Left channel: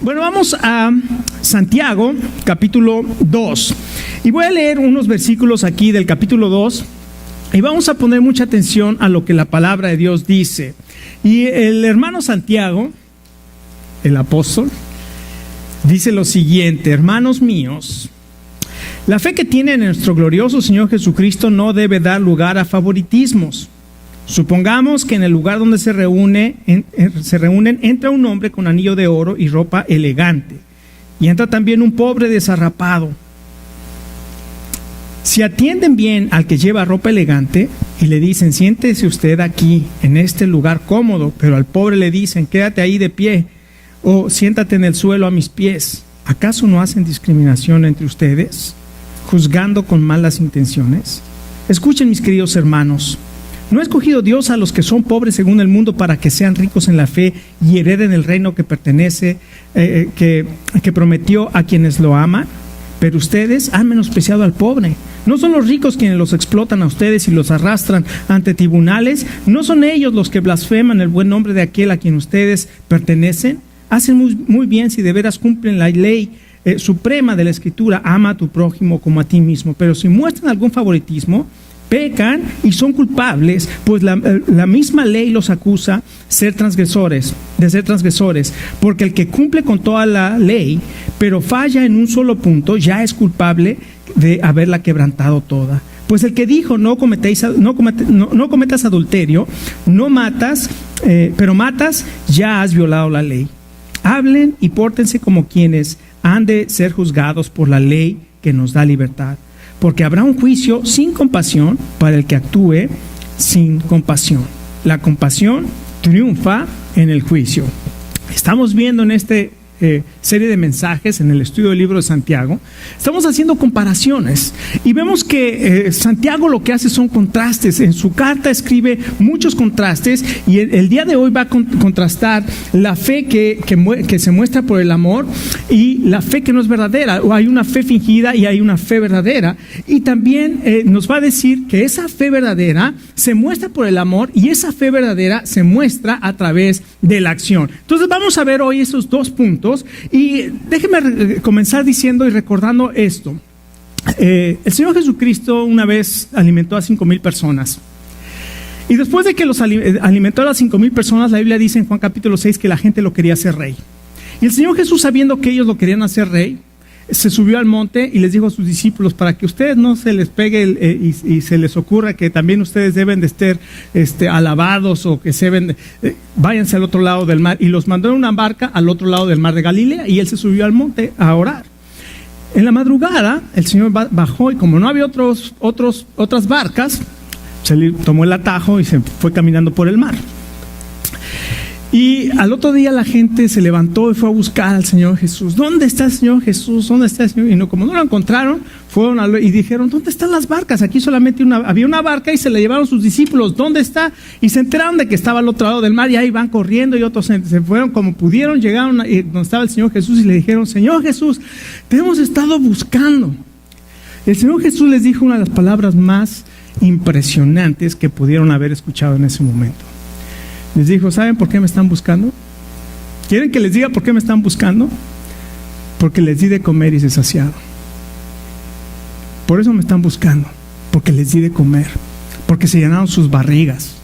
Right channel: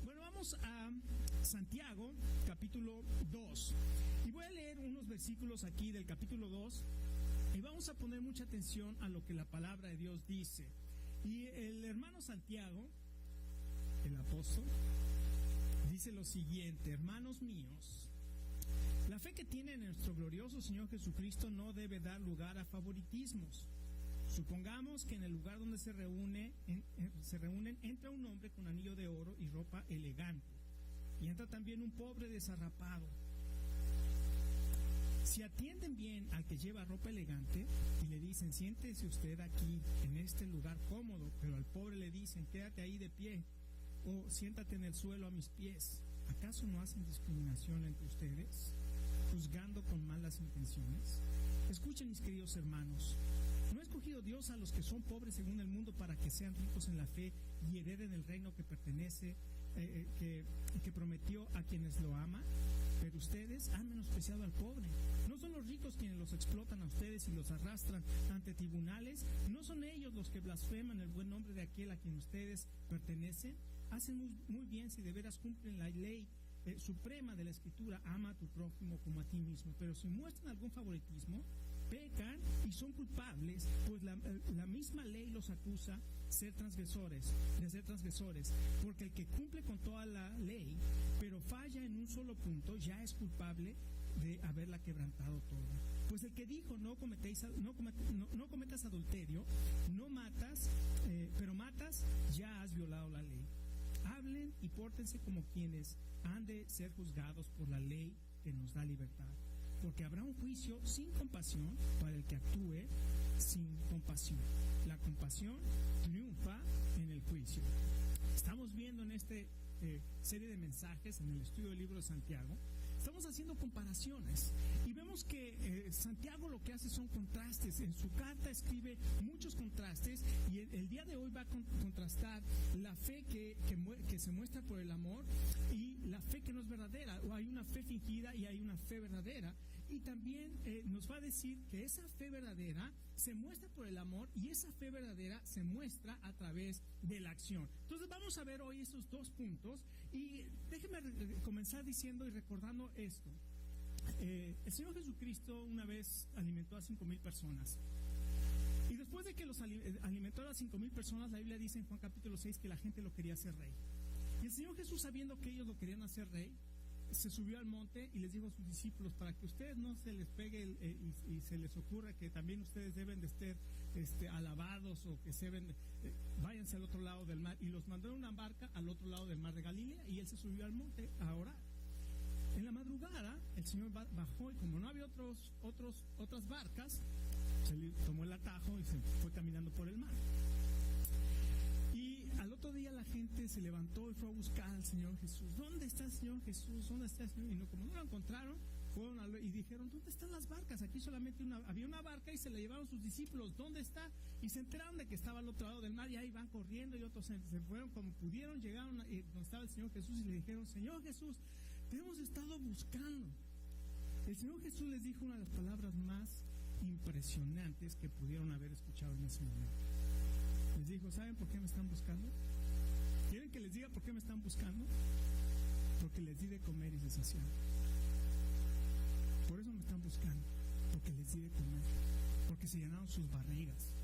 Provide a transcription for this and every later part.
Bueno, vamos a Santiago, capítulo 2. Y voy a leer unos versículos aquí del capítulo 2 y vamos a poner mucha atención a lo que la palabra de Dios dice. Y el hermano Santiago, el apóstol, dice lo siguiente: hermanos míos, la fe que tiene en nuestro glorioso Señor Jesucristo no debe dar lugar a favoritismos. Supongamos que en el lugar donde se reúnen entra un hombre con anillo de oro y ropa elegante, y entra también un pobre desarrapado. Si atienden bien al que lleva ropa elegante y le dicen: siéntese usted aquí, en este lugar cómodo, pero al pobre le dicen: quédate ahí de pie, o siéntate en el suelo a mis pies, ¿acaso no hacen discriminación entre ustedes, juzgando con malas intenciones? Escuchen, mis queridos hermanos. ¿No ha escogido Dios a los que son pobres según el mundo para que sean ricos en la fe y hereden el reino que pertenece, que prometió a quienes lo aman? Pero ustedes han menospreciado al pobre. ¿No son los ricos quienes los explotan a ustedes y los arrastran ante tribunales? ¿No son ellos los que blasfeman el buen nombre de aquel a quien ustedes pertenecen? Hacen muy bien si de veras cumplen la ley suprema de la Escritura: ama a tu prójimo como a ti mismo. Pero si muestran algún favoritismo, pecan y son culpables, pues la misma ley los acusa de ser transgresores, porque el que cumple con toda la ley, pero falla en un solo punto, ya es culpable de haberla quebrantado toda. Pues el que dijo: no cometas adulterio, no matas, pero matas, ya has violado la ley. Hablen y pórtense como quienes han de ser juzgados por la ley que nos da libertad. Porque habrá un juicio sin compasión para el que actúe sin compasión. La compasión triunfa en el juicio. Estamos viendo en esta serie de mensajes, en el estudio del libro de Santiago, estamos haciendo comparaciones y vemos que Santiago lo que hace son contrastes. En su carta escribe muchos contrastes y el día de hoy va a contrastar la fe que se muestra por el amor y la fe que no es verdadera. O hay una fe fingida y hay una fe verdadera, y también nos va a decir que esa fe verdadera se muestra por el amor y esa fe verdadera se muestra a través de la acción. Entonces vamos a ver hoy esos dos puntos. Y déjenme comenzar diciendo y recordando esto. El Señor Jesucristo una vez alimentó a 5,000 personas. Y después de que los alimentó a las 5,000 personas, la Biblia dice en Juan capítulo 6 que la gente lo quería hacer rey. Y el Señor Jesús, sabiendo que ellos lo querían hacer rey, se subió al monte y les dijo a sus discípulos: para que ustedes no se les pegue y se les ocurra que también ustedes deben de estar alabados o que váyanse al otro lado del mar. Y los mandó en una barca al otro lado del mar de Galilea, y él se subió al monte a orar. En la madrugada el Señor bajó, y como no había otras barcas, se tomó el atajo y se fue caminando por el mar. Y al otro día la gente se levantó y fue a buscar al Señor Jesús. ¿Dónde está el Señor Jesús? ¿Dónde está el Señor? Y como no lo encontraron, fueron y dijeron: ¿dónde están las barcas? Aquí solamente había una barca y se la llevaron sus discípulos. ¿Dónde está? Y se enteraron de que estaba al otro lado del mar, y ahí van corriendo, y otros se fueron como pudieron, llegaron donde estaba el Señor Jesús y le dijeron: Señor Jesús, te hemos estado buscando. El Señor Jesús les dijo una de las palabras más impresionantes que pudieron haber escuchado en ese momento. Les dijo: ¿saben por qué me están buscando? ¿Quieren que les diga por qué me están buscando? Porque les di de comer y se saciaron. Por eso me están buscando, porque les di de comer, porque se llenaron sus barrigas.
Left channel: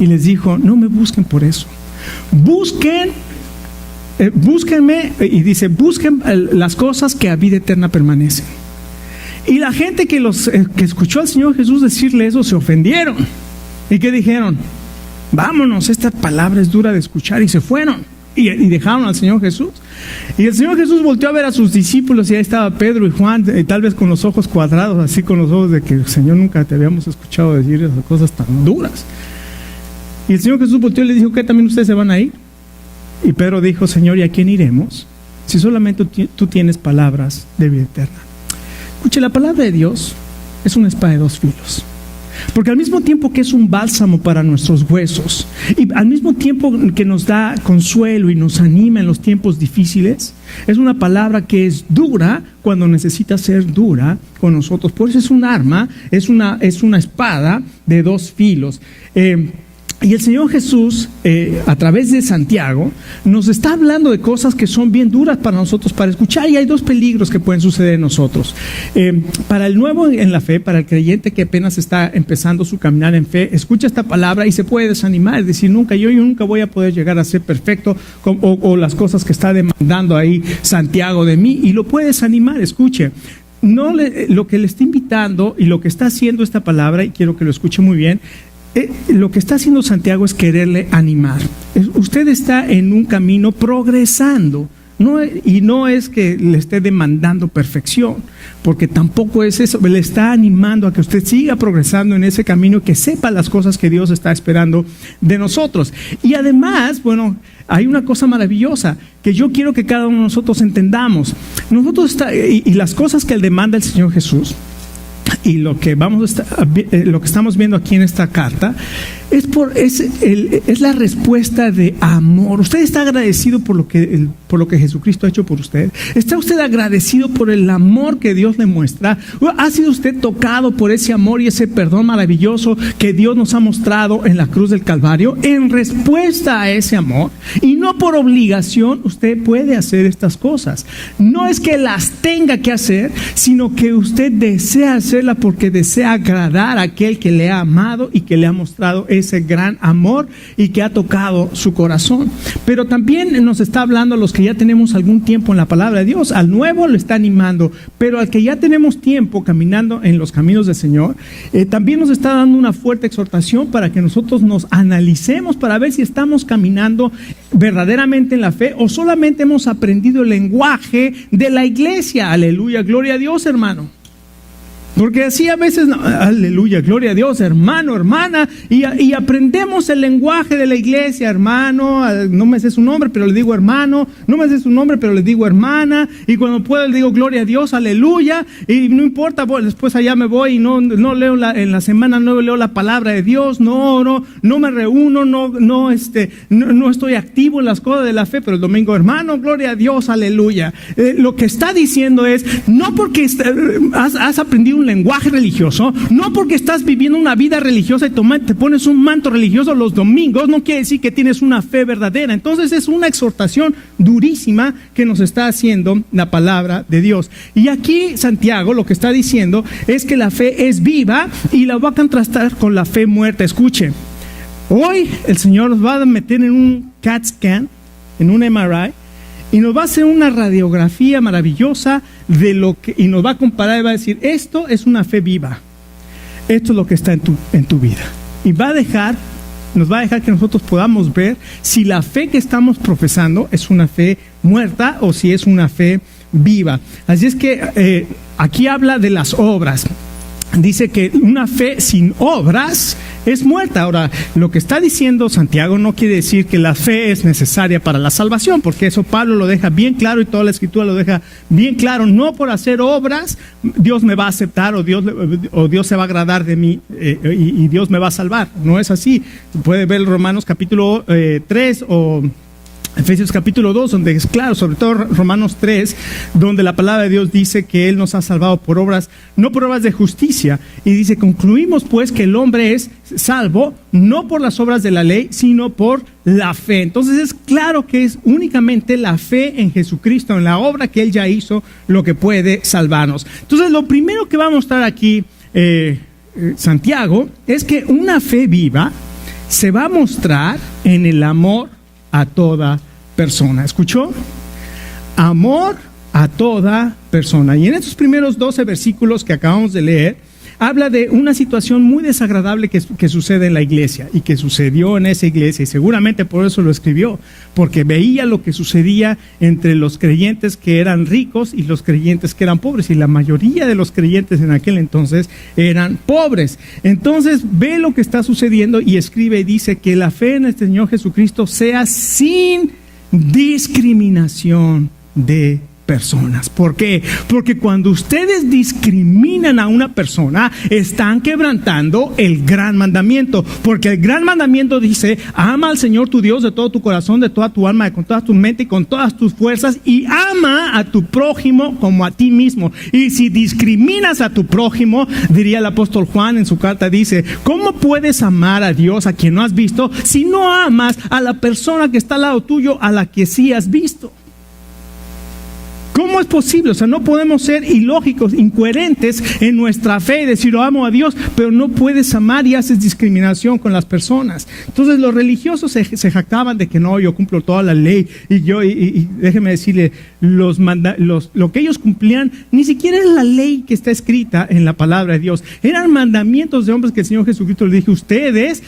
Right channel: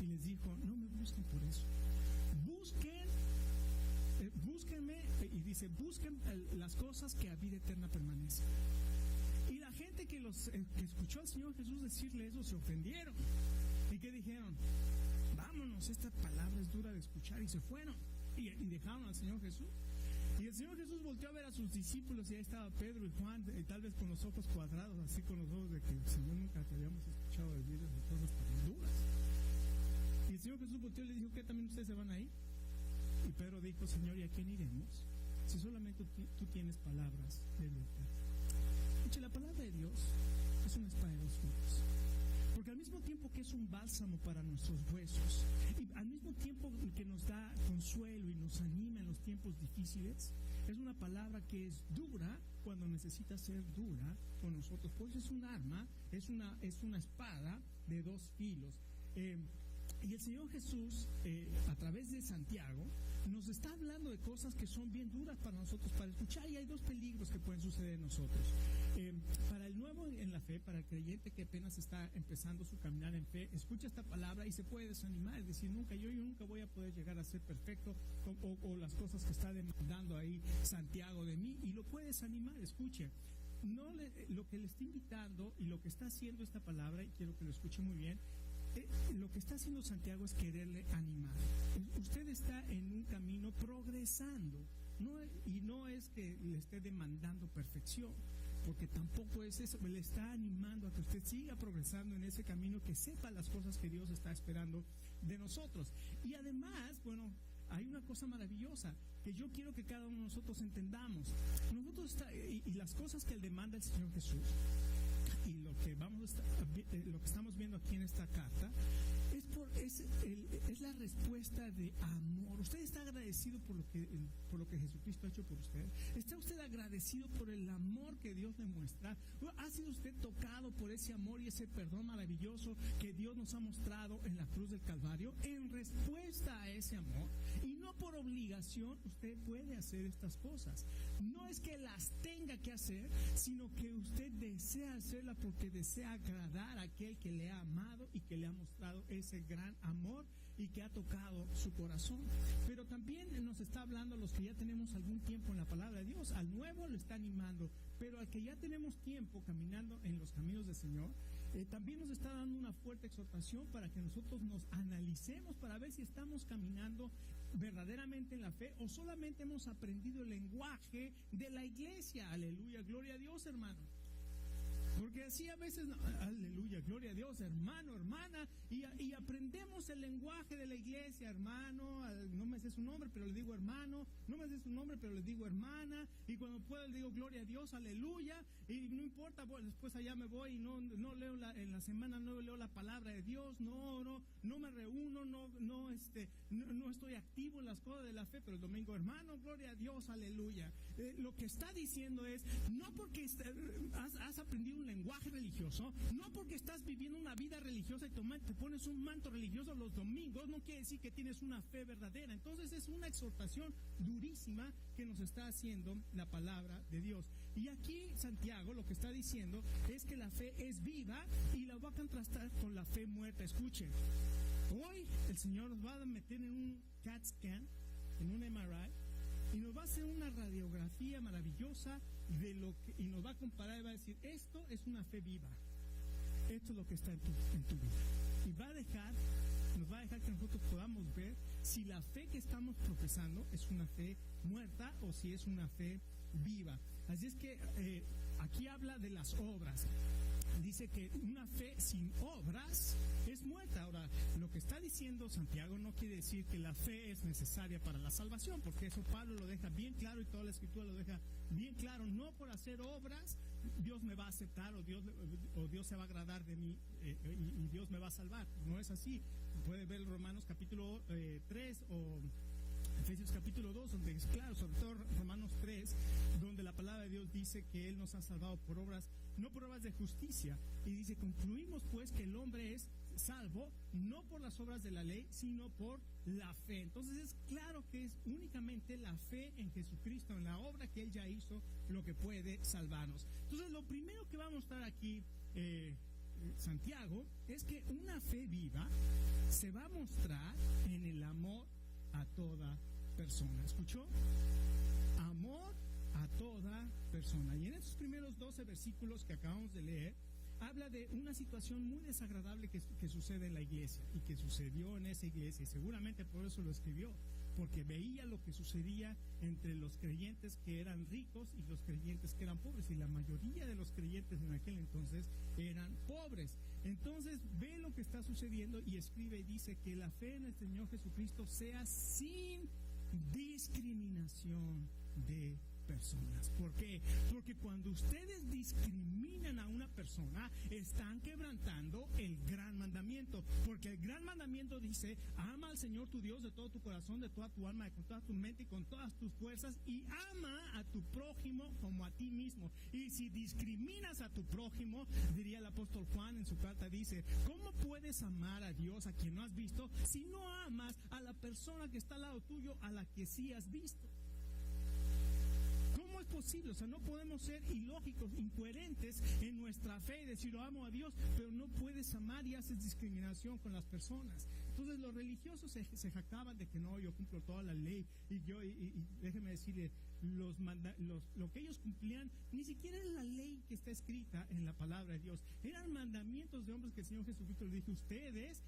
Y les dijo: no me busquen por eso. Búsquenme, y dice: busquen las cosas que a vida eterna permanecen. Y la gente que escuchó al Señor Jesús decirle eso se ofendieron. ¿Y qué dijeron? Vámonos, esta palabra es dura de escuchar, y se fueron y dejaron al Señor Jesús. Y el Señor Jesús volteó a ver a sus discípulos, y ahí estaba Pedro y Juan, tal vez con los ojos cuadrados, así con los ojos de que: Señor, nunca te habíamos escuchado decir esas cosas tan duras. Y el Señor Jesús volteó y le dijo: ¿qué, también ustedes se van a ir? Y Pedro dijo: Señor, ¿y a quién iremos? Si solamente tú tienes palabras de vida eterna. Escuche, la palabra de Dios es una espada de dos filos. Porque al mismo tiempo que es un bálsamo para nuestros huesos, y al mismo tiempo que nos da consuelo y nos anima en los tiempos difíciles, es una palabra que es dura cuando necesita ser dura con nosotros. Por eso es un arma, es una espada de dos filos. Y el Señor Jesús, a través de Santiago, nos está hablando de cosas que son bien duras para nosotros para escuchar, y hay dos peligros que pueden suceder en nosotros. Para el nuevo en la fe, para el creyente que apenas está empezando su caminar en fe, escucha esta palabra y se puede desanimar, es decir, yo nunca voy a poder llegar a ser perfecto, o las cosas que está demandando ahí Santiago de mí, y lo puede desanimar. Escuche. Lo que le está invitando y lo que está haciendo esta palabra, y quiero que lo escuche muy bien, lo que está haciendo Santiago es quererle animar. Usted está en un camino progresando, y no es que le esté demandando perfección, porque tampoco es eso. Le está animando a que usted siga progresando en ese camino y que sepa las cosas que Dios está esperando de nosotros. Y además, hay una cosa maravillosa que yo quiero que cada uno de nosotros entendamos. Y las cosas que Él demanda el Señor Jesús, y lo que estamos viendo aquí en esta carta, es la respuesta de amor. Usted está agradecido por lo que Jesucristo ha hecho por usted. ¿Está usted agradecido por el amor que Dios le muestra? ¿Ha sido usted tocado por ese amor y ese perdón maravilloso que Dios nos ha mostrado en la cruz del Calvario? En respuesta a ese amor, y no por obligación, usted puede hacer estas cosas. No es que las tenga que hacer, sino que usted desea hacerla porque desea agradar a aquel que le ha amado y que le ha mostrado ese gran amor y que ha tocado su corazón. Pero también nos está hablando a los que ya tenemos algún tiempo en la palabra de Dios. Al nuevo le está animando, pero al que ya tenemos tiempo caminando en los caminos del Señor, también nos está dando una fuerte exhortación para que nosotros nos analicemos para ver si estamos caminando verdaderamente en la fe o solamente hemos aprendido el lenguaje de la iglesia. Aleluya, gloria a Dios, hermano. Porque así a veces, aleluya, gloria a Dios, hermano, hermana, y aprendemos el lenguaje de la iglesia. Hermano, no me sé su nombre, pero le digo hermano, no me sé su nombre, pero le digo hermana, y cuando puedo le digo gloria a Dios, aleluya, y no importa, después allá me voy y no leo en la semana, no leo la palabra de Dios, no me reúno, no estoy activo en las cosas de la fe, pero el domingo, hermano, gloria a Dios, aleluya. Lo que está diciendo es, no porque has aprendido un lenguaje religioso, no porque estás viviendo una vida religiosa y te pones un manto religioso los domingos, no quiere decir que tienes una fe verdadera. Entonces es una exhortación durísima que nos está haciendo la palabra de Dios. Y aquí Santiago lo que está diciendo es que la fe es viva y la va a contrastar con la fe muerta. Escuche, hoy el Señor nos va a meter en un CAT scan, en un MRI, y nos va a hacer una radiografía maravillosa y nos va a comparar y va a decir, esto es una fe viva. Esto es lo que está en tu vida. Y nos va a dejar que nosotros podamos ver si la fe que estamos profesando es una fe muerta o si es una fe viva. Así es que aquí habla de las obras. Dice que una fe sin obras es muerta. Ahora, lo que está diciendo Santiago no quiere decir que la fe es necesaria para la salvación, porque eso Pablo lo deja bien claro y toda la Escritura lo deja bien claro. No por hacer obras Dios me va a aceptar o Dios se va a agradar de mí y Dios me va a salvar. No es así. Puede ver Romanos capítulo 3 o Efesios capítulo 2, donde es claro, sobre todo Romanos 3, donde la palabra de Dios dice que Él nos ha salvado por obras, no por obras de justicia. Y dice, concluimos pues que el hombre es salvo, no por las obras de la ley, sino por la fe. Entonces es claro que es únicamente la fe en Jesucristo, en la obra que Él ya hizo, lo que puede salvarnos. Entonces lo primero que va a mostrar aquí Santiago es que una fe viva se va a mostrar en el amor a toda persona. ¿Escuchó? Amor a toda persona. Y en estos primeros 12 versículos que acabamos de leer, habla de una situación muy desagradable que sucede en la iglesia y que sucedió en esa iglesia, y seguramente por eso lo escribió, porque veía lo que sucedía entre los creyentes que eran ricos y los creyentes que eran pobres, y la mayoría de los creyentes en aquel entonces eran pobres. Entonces ve lo que está sucediendo y escribe y dice que la fe en el Señor Jesucristo sea sin discriminación de personas. ¿Por qué? Porque cuando ustedes discriminan a una persona, están quebrantando el gran mandamiento. Porque el gran mandamiento dice: ama al Señor tu Dios de todo tu corazón, de toda tu alma, con toda tu mente y con todas tus fuerzas, y ama a tu prójimo como a ti mismo. Y si discriminas a tu prójimo, diría el apóstol Juan en su carta, dice: ¿cómo puedes amar a Dios a quien no has visto si no amas a la persona que está al lado tuyo, a la que sí has visto? ¿Cómo es posible? O sea, no podemos ser ilógicos, incoherentes en nuestra fe y decir: lo amo a Dios, pero no puedes amar y haces discriminación con las personas. Entonces los religiosos se jactaban de que no, yo cumplo toda la ley, y déjeme decirle, lo que ellos cumplían ni siquiera es la ley que está escrita en la palabra de Dios. Eran mandamientos de hombres que el Señor Jesucristo les dijo: ustedes,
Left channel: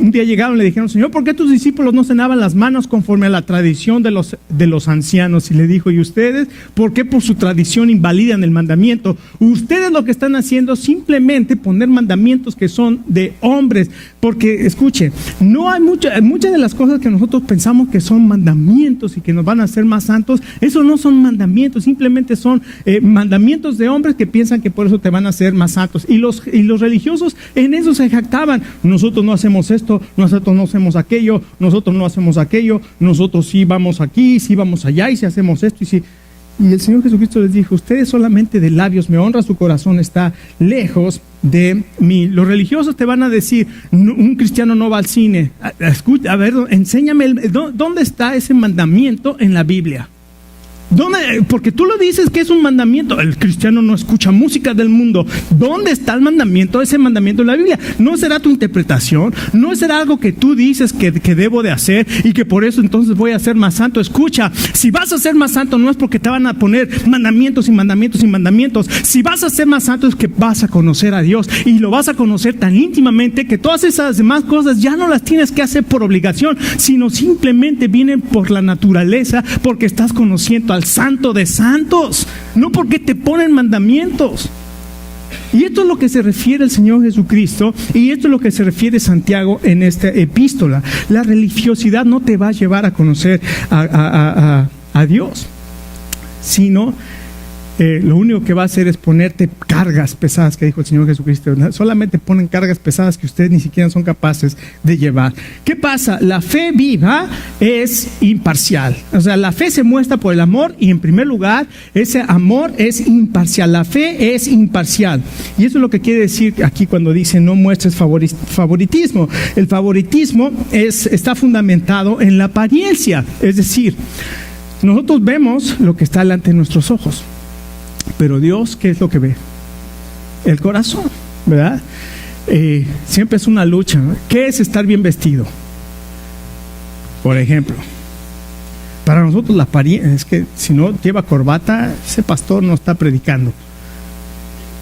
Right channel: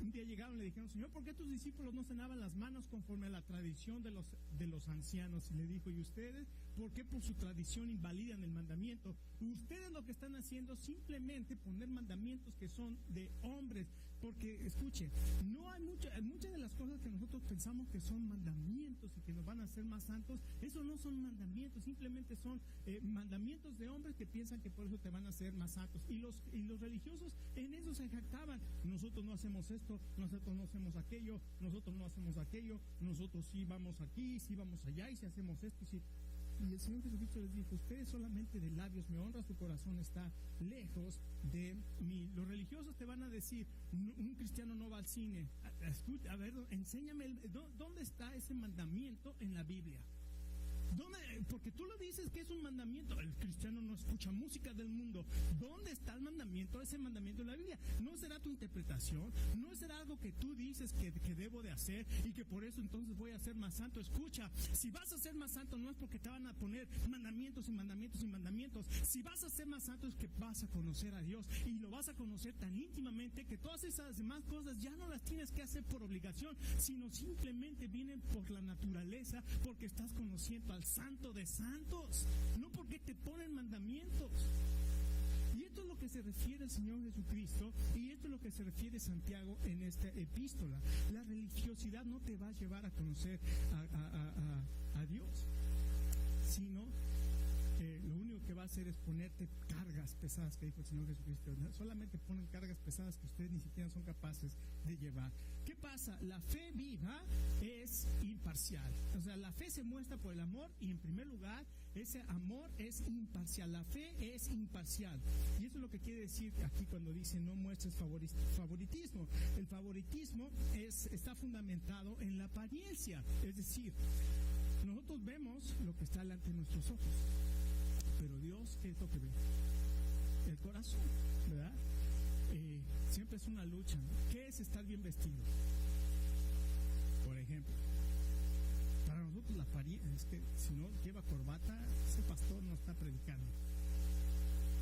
un día llegaron y le dijeron: Señor, ¿por qué tus discípulos no se lavan las manos conforme a la tradición de los ancianos? Y le dijo: ¿y ustedes por qué por su tradición invalidan el mandamiento? Ustedes lo que están haciendo es simplemente poner mandamientos que son de hombres. Porque, escuche, no hay muchas de las cosas que nosotros pensamos que son mandamientos y que nos van a hacer más santos. Eso no son mandamientos, simplemente son mandamientos de hombres que piensan que por eso te van a hacer más santos. Y los religiosos en eso se jactaban: nosotros no hacemos esto, nosotros no hacemos aquello, nosotros no hacemos aquello, nosotros sí vamos aquí, sí vamos allá, y si hacemos esto y sí. Y el Señor Jesucristo les dijo: ustedes solamente de labios me honran, su corazón está lejos de mí. Los religiosos te van a decir: un cristiano no va al cine. Escucha, a ver, enséñame, ¿dónde está ese mandamiento en la Biblia? ¿Dónde? Porque tú lo dices que es un mandamiento. El cristiano no escucha música del mundo. ¿Dónde está el mandamiento, ese mandamiento en la Biblia? ¿No será tu interpretación? ¿No será algo que tú dices que debo de hacer y que por eso entonces voy a ser más santo? Escucha, si vas a ser más santo no es porque te van a poner mandamientos y mandamientos y mandamientos. Si vas a ser más santo es que vas a conocer a Dios, y lo vas a conocer tan íntimamente que todas esas demás cosas ya no las tienes que hacer por obligación, sino simplemente vienen por la naturaleza, porque estás conociendo al Santo de Santos, no porque te ponen mandamientos. Y esto es lo que se refiere el Señor Jesucristo, y esto es lo que se refiere Santiago en esta epístola. La religiosidad no te va a llevar a conocer a Dios, sino lo único que va a hacer es ponerte cargas pesadas, que dijo el Señor Jesucristo. Solamente ponen cargas pesadas que ustedes ni siquiera son capaces de llevar. ¿Qué pasa? La fe viva es imparcial. O sea, la fe se muestra por el amor, y en primer lugar, ese amor es imparcial. La fe es imparcial. Y eso es lo que quiere decir aquí cuando dice: no muestres favoritismo. El favoritismo está fundamentado en la apariencia. Es decir, nosotros vemos lo que está delante de nuestros ojos, pero Dios, ¿qué es lo que ve? El corazón, ¿verdad? Siempre es una lucha, ¿no? ¿Qué es estar bien vestido? Por ejemplo, para nosotros la apariencia es que si no lleva corbata, ese pastor no está predicando.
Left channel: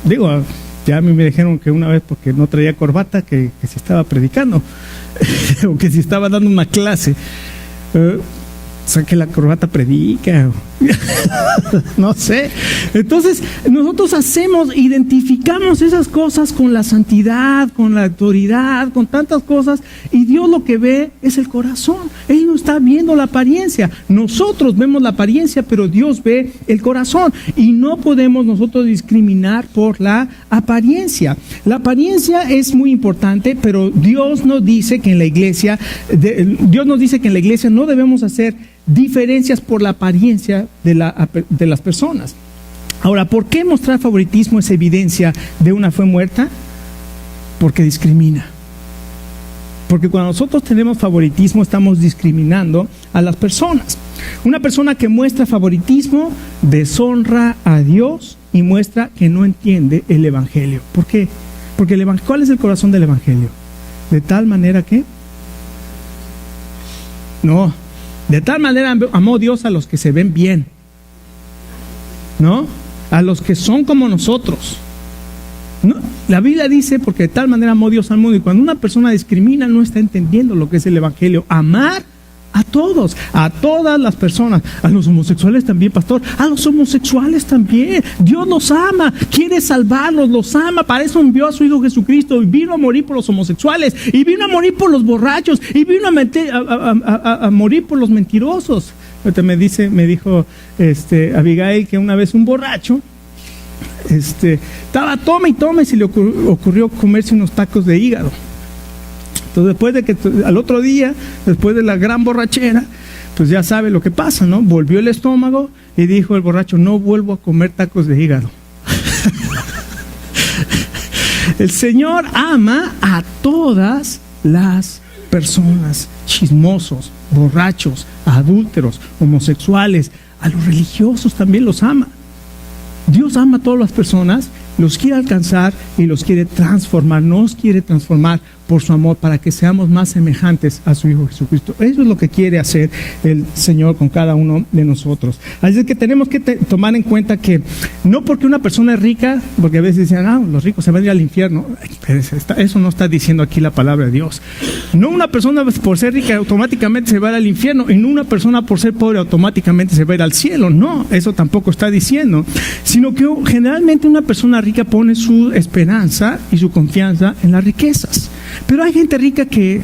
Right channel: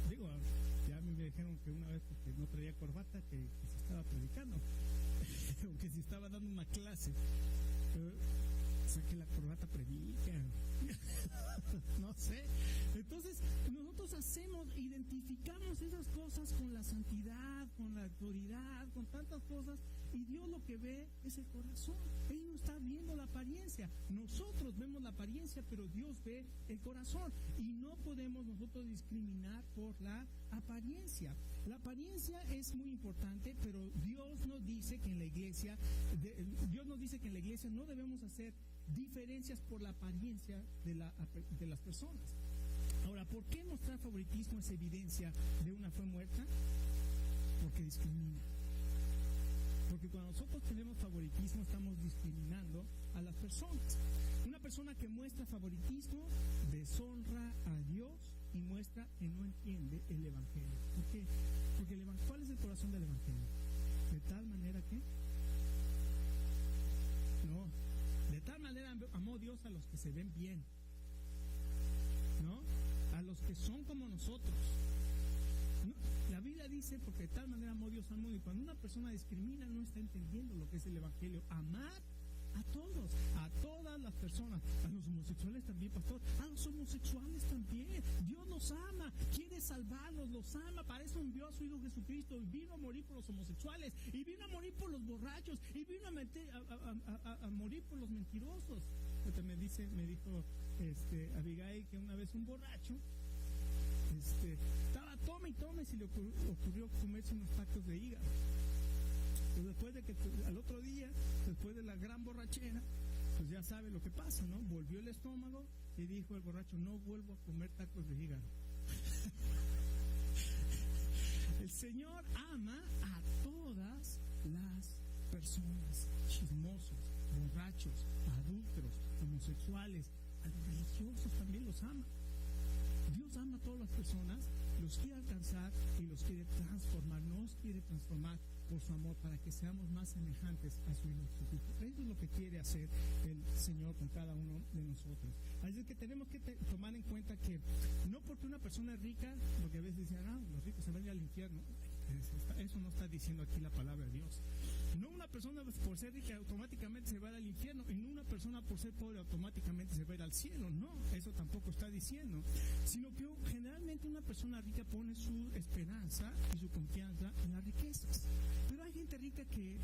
Digo, ya a mí me dijeron que una vez, porque no traía corbata, que si estaba predicando o que si estaba dando una clase. O sea, que la corbata predica. No sé. Entonces, nosotros identificamos esas cosas con la santidad, con la autoridad, con tantas cosas, y Dios lo que ve es el corazón. Él no está viendo la apariencia. Nosotros vemos la apariencia, pero Dios ve el corazón, y no podemos nosotros discriminar por la apariencia. La apariencia es muy importante, pero Dios nos dice que en la iglesia no debemos hacer diferencias por la apariencia de las personas. Ahora, ¿por qué mostrar favoritismo es evidencia de una fe muerta? Porque discrimina. Porque cuando nosotros tenemos favoritismo, estamos discriminando a las personas. Una persona que muestra favoritismo deshonra a Dios y muestra que no entiende el Evangelio. ¿Por qué? Porque ¿cuál es el corazón del Evangelio? De tal manera que... No. De tal manera amó Dios a los que se ven bien, ¿no? A los que son como nosotros. No, la Biblia dice: porque de tal manera amó Dios al mundo. Y cuando una persona discrimina, no está entendiendo lo que es el Evangelio. Amar A todos, a todas las personas. A los homosexuales también, pastor. A los homosexuales también. Dios los ama, quiere salvarlos, los ama. Para eso envió a su Hijo Jesucristo y vino a morir por los homosexuales, y vino a morir por los borrachos, y vino a morir por los mentirosos. Me dijo Abigail que una vez un borracho estaba tome y se le ocurrió comerse unos tacos de hígado. Entonces, después de que al otro día, después de la gran borrachera, pues ya sabe lo que pasa, ¿no? Volvió el estómago y dijo el borracho: no vuelvo a comer tacos de hígado. El Señor ama a todas las personas, chismosos, borrachos, adúlteros, homosexuales, a los religiosos también los ama. Dios ama a todas las personas, los quiere alcanzar y los quiere transformar, nos quiere transformar por su amor para que seamos más semejantes a su Hijo Jesucristo. Eso es lo que quiere hacer el Señor con cada uno de nosotros. Así es que tenemos que tomar en cuenta que no porque una persona es rica, porque a veces dicen, los ricos se van a ir al infierno. Eso no está diciendo aquí la palabra de Dios. No una persona por ser rica automáticamente se va a ir al infierno, y no una persona por ser pobre automáticamente se va a ir al cielo. No, eso tampoco está diciendo, sino que generalmente una persona rica pone su esperanza y su confianza en las riquezas. Pero hay gente rica que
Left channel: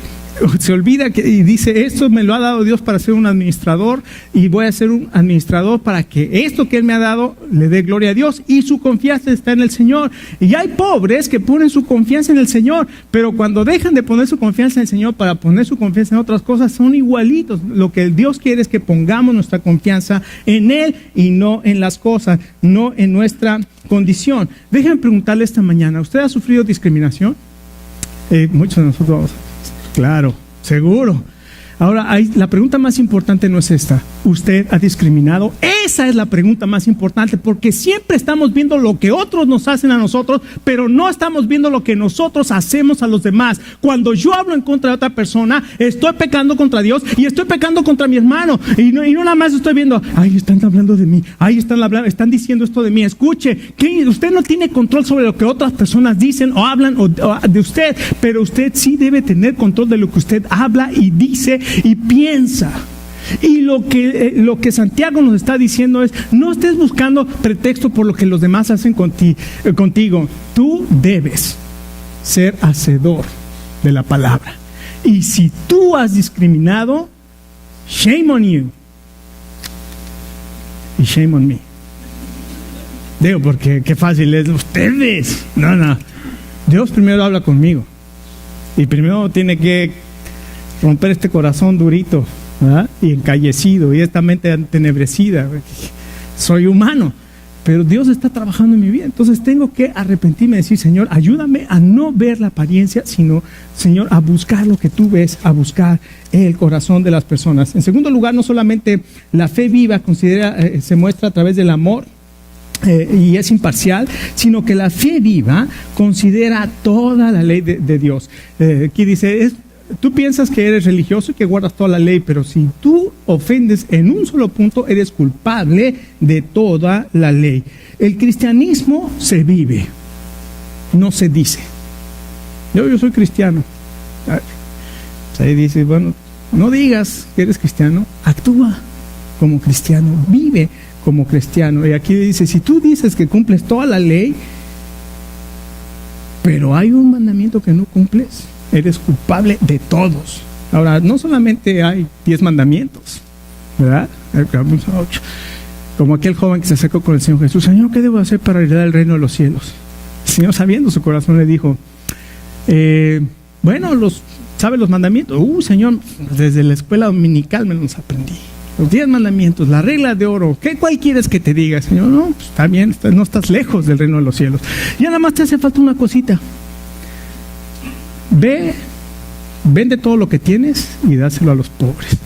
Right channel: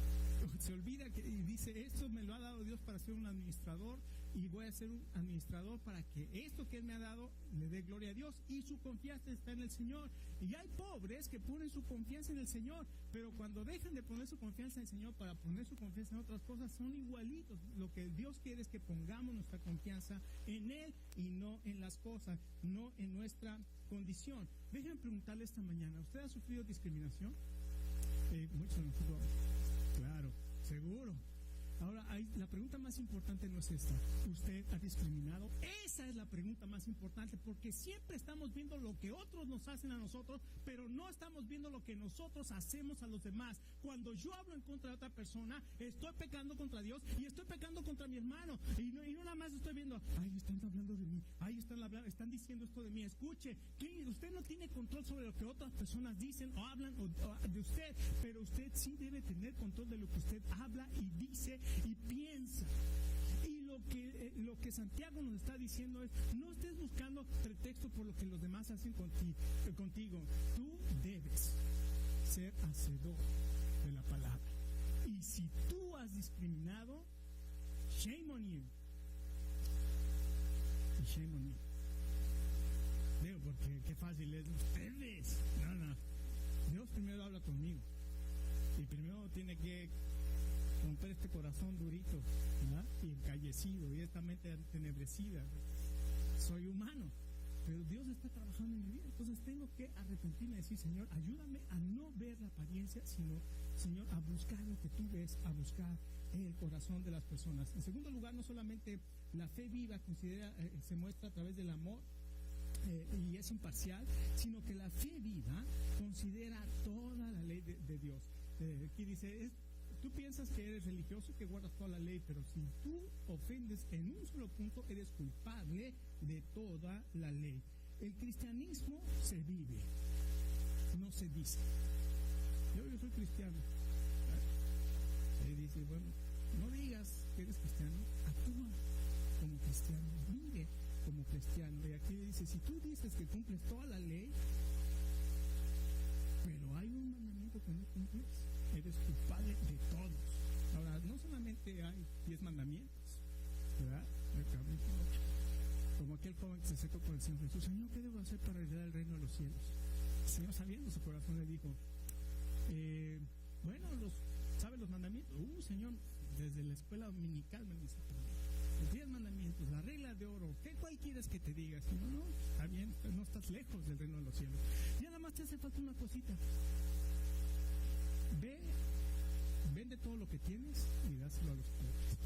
se olvida y dice: esto me lo ha dado Dios para ser un administrador, y voy a ser un administrador para que esto que Él me ha dado le dé gloria a Dios, y su confianza está en el Señor. Y hay pobres que ponen su confianza en el Señor, pero cuando dejan de poner su confianza en el Señor para poner su confianza en otras cosas, son igualitos. Lo que Dios quiere es que pongamos nuestra confianza en Él y no en las cosas, no en nuestra condición. Déjenme preguntarle esta mañana: ¿usted ha sufrido discriminación? Muchos de nosotros, claro, seguro. Ahora, la pregunta más importante no es esta: ¿usted ha discriminado? Esa es la pregunta más importante, porque siempre estamos viendo lo que otros nos hacen a nosotros, pero no estamos viendo lo que nosotros hacemos a los demás. Cuando yo hablo en contra de otra persona, estoy pecando contra Dios y estoy pecando contra mi hermano. Y no nada más estoy viendo: ay, están hablando de mí, ay, están diciendo esto de mí. Escuche, que usted no tiene control sobre lo que otras personas dicen o hablan de usted, pero usted sí debe tener control de lo que usted habla y dice y piensa. Y lo que Santiago nos está diciendo es: no estés buscando pretexto por lo que los demás hacen contigo. Tú debes ser hacedor de la palabra. Y si tú has discriminado, shame on you y shame on me. Digo, porque qué fácil es ustedes. No. Dios primero habla conmigo, y primero tiene que romper este corazón durito, ¿verdad? Y encallecido, y esta mente entenebrecida. Soy humano, pero Dios está trabajando en mi vida. Entonces tengo que arrepentirme y decir: Señor, ayúdame a no ver la apariencia, sino, Señor, a buscar lo que tú ves, a buscar el corazón de las personas. En segundo lugar, no solamente la fe viva se muestra a través del amor, y es imparcial, sino que la fe viva considera toda la ley de Dios. Aquí dice: tú piensas que eres religioso y que guardas toda la ley, pero si tú ofendes en un solo punto, eres culpable de toda la ley. El cristianismo se vive, no se dice. Yo soy cristiano. Ahí dice: bueno, no digas que eres cristiano, actúa como cristiano, vive como cristiano. Y aquí dice: si tú dices que cumples toda la ley, pero hay un mandamiento que no cumples, eres culpable de todos. Ahora, no solamente hay 10 mandamientos, ¿verdad? Como aquel joven que se acercó con el Señor Jesús: Señor, ¿qué debo hacer para heredar el reino de los cielos? El Señor, sabiendo su corazón, le dijo: ¿sabe los mandamientos? Señor, desde la escuela dominical me los aprendí. Los 10 mandamientos, la regla de oro. ¿Cuál quieres que te diga? Señor, no, pues está bien, no estás lejos del reino de los cielos. Ya nada más te hace falta una cosita. Vende todo lo que tienes y dáselo a los pobres.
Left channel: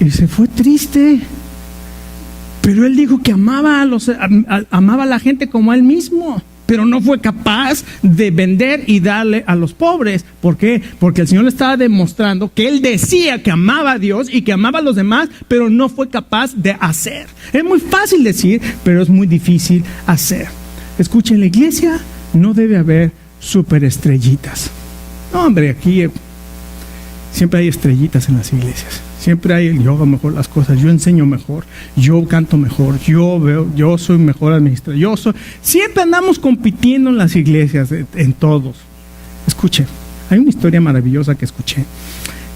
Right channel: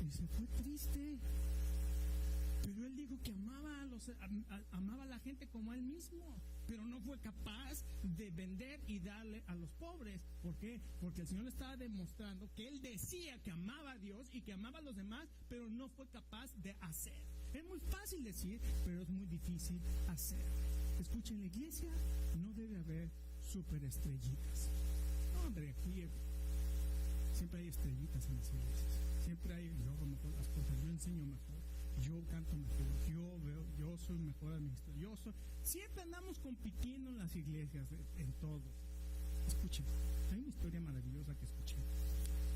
Y se fue triste. Pero él dijo que amaba a la gente como a él mismo, pero no fue capaz de vender y darle a los pobres. ¿Por qué? Porque el Señor le estaba demostrando que él decía que amaba a Dios y que amaba a los demás, pero no fue capaz de hacer. Es muy fácil decir, pero es muy difícil hacer. Escuchen, en la iglesia no debe haber superestrellitas. No, hombre, aquí Siempre hay estrellitas en las iglesias. Siempre hay, yo hago mejor las cosas, yo enseño mejor, yo canto mejor, yo soy mejor administrador, siempre andamos compitiendo en las iglesias, en todos. Escuche, hay una historia maravillosa que escuché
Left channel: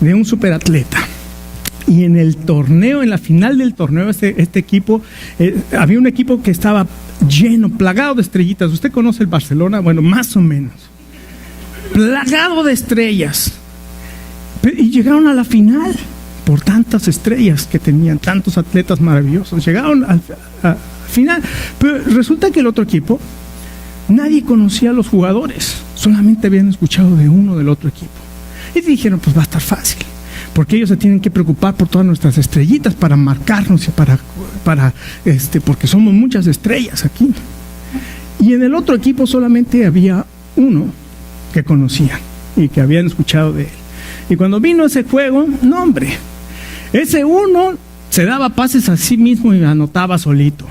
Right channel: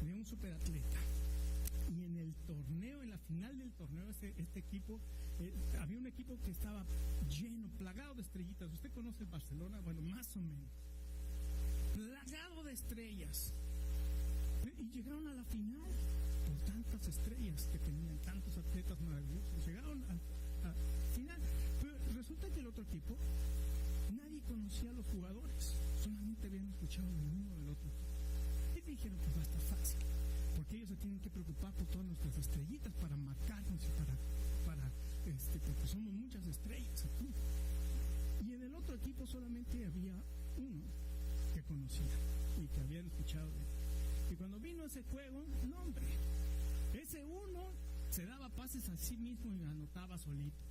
de un superatleta. Y en el torneo, en la final del torneo, este equipo, había un equipo que estaba lleno, plagado de estrellitas. ¿Usted conoce el Barcelona? Bueno, más o menos. Plagado de estrellas. Y llegaron a la final por tantas estrellas que tenían, tantos atletas maravillosos. Llegaron al final. Pero resulta que el otro equipo, nadie conocía a los jugadores. Solamente habían escuchado de uno del otro equipo. Y dijeron, pues va a estar fácil. Porque ellos se tienen que preocupar por todas nuestras estrellitas para marcarnos y porque somos muchas estrellas aquí. Y en el otro equipo solamente había uno que conocían y que habían escuchado de él. Y cuando vino ese juego, no hombre, ese uno se daba pases a sí mismo y anotaba solito.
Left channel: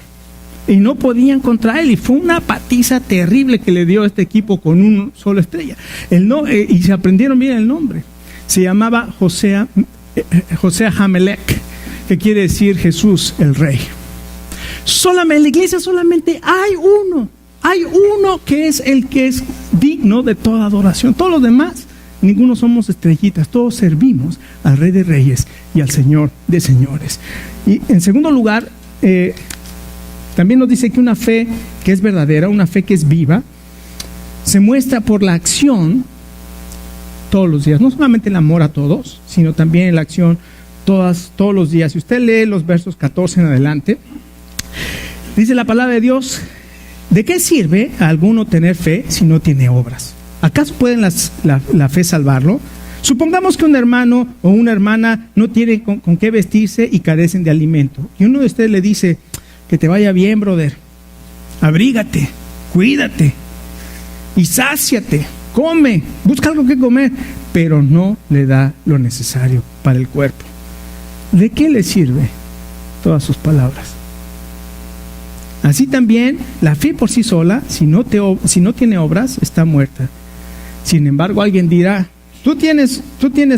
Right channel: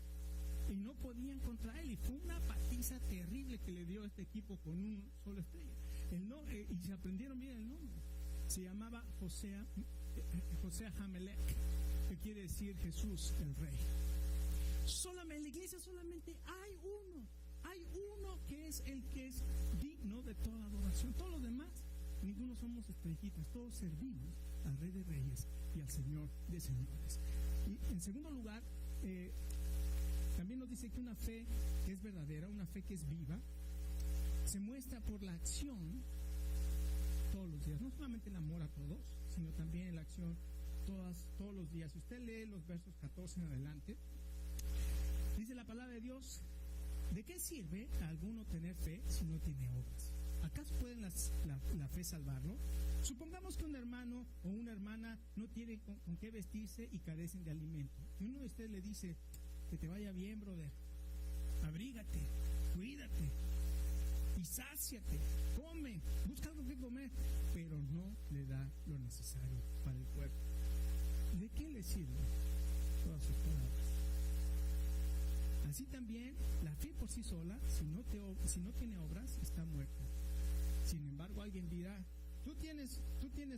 Y no podían contra él, y fue una patiza terrible que le dio este equipo con una sola estrella. Y se aprendieron bien el nombre. Se llamaba José Hamelec, que quiere decir Jesús el Rey. En la iglesia solamente hay uno que es el que es digno de toda adoración. Todos los demás, ninguno somos estrellitas, todos servimos al Rey de Reyes y al Señor de Señores. Y en segundo lugar, también nos dice que una fe que es verdadera, una fe que es viva, se muestra por la acción todos los días. No solamente el amor a todos, sino también la acción todos los días. Si usted lee los versos 14 en adelante, dice la palabra de Dios: ¿de qué sirve a alguno tener fe si no tiene obras? ¿Acaso pueden la fe salvarlo? Supongamos que un hermano o una hermana no tiene con qué vestirse y carecen de alimento. Y uno de ustedes le dice: que te vaya bien, brother. Abrígate, cuídate y sáciate. Come, busca algo que comer, pero no le da lo necesario para el cuerpo. ¿De qué le sirve todas sus palabras? Así también, la fe por sí sola, si no tiene obras, está muerta. Sin embargo, alguien dirá: tú tienes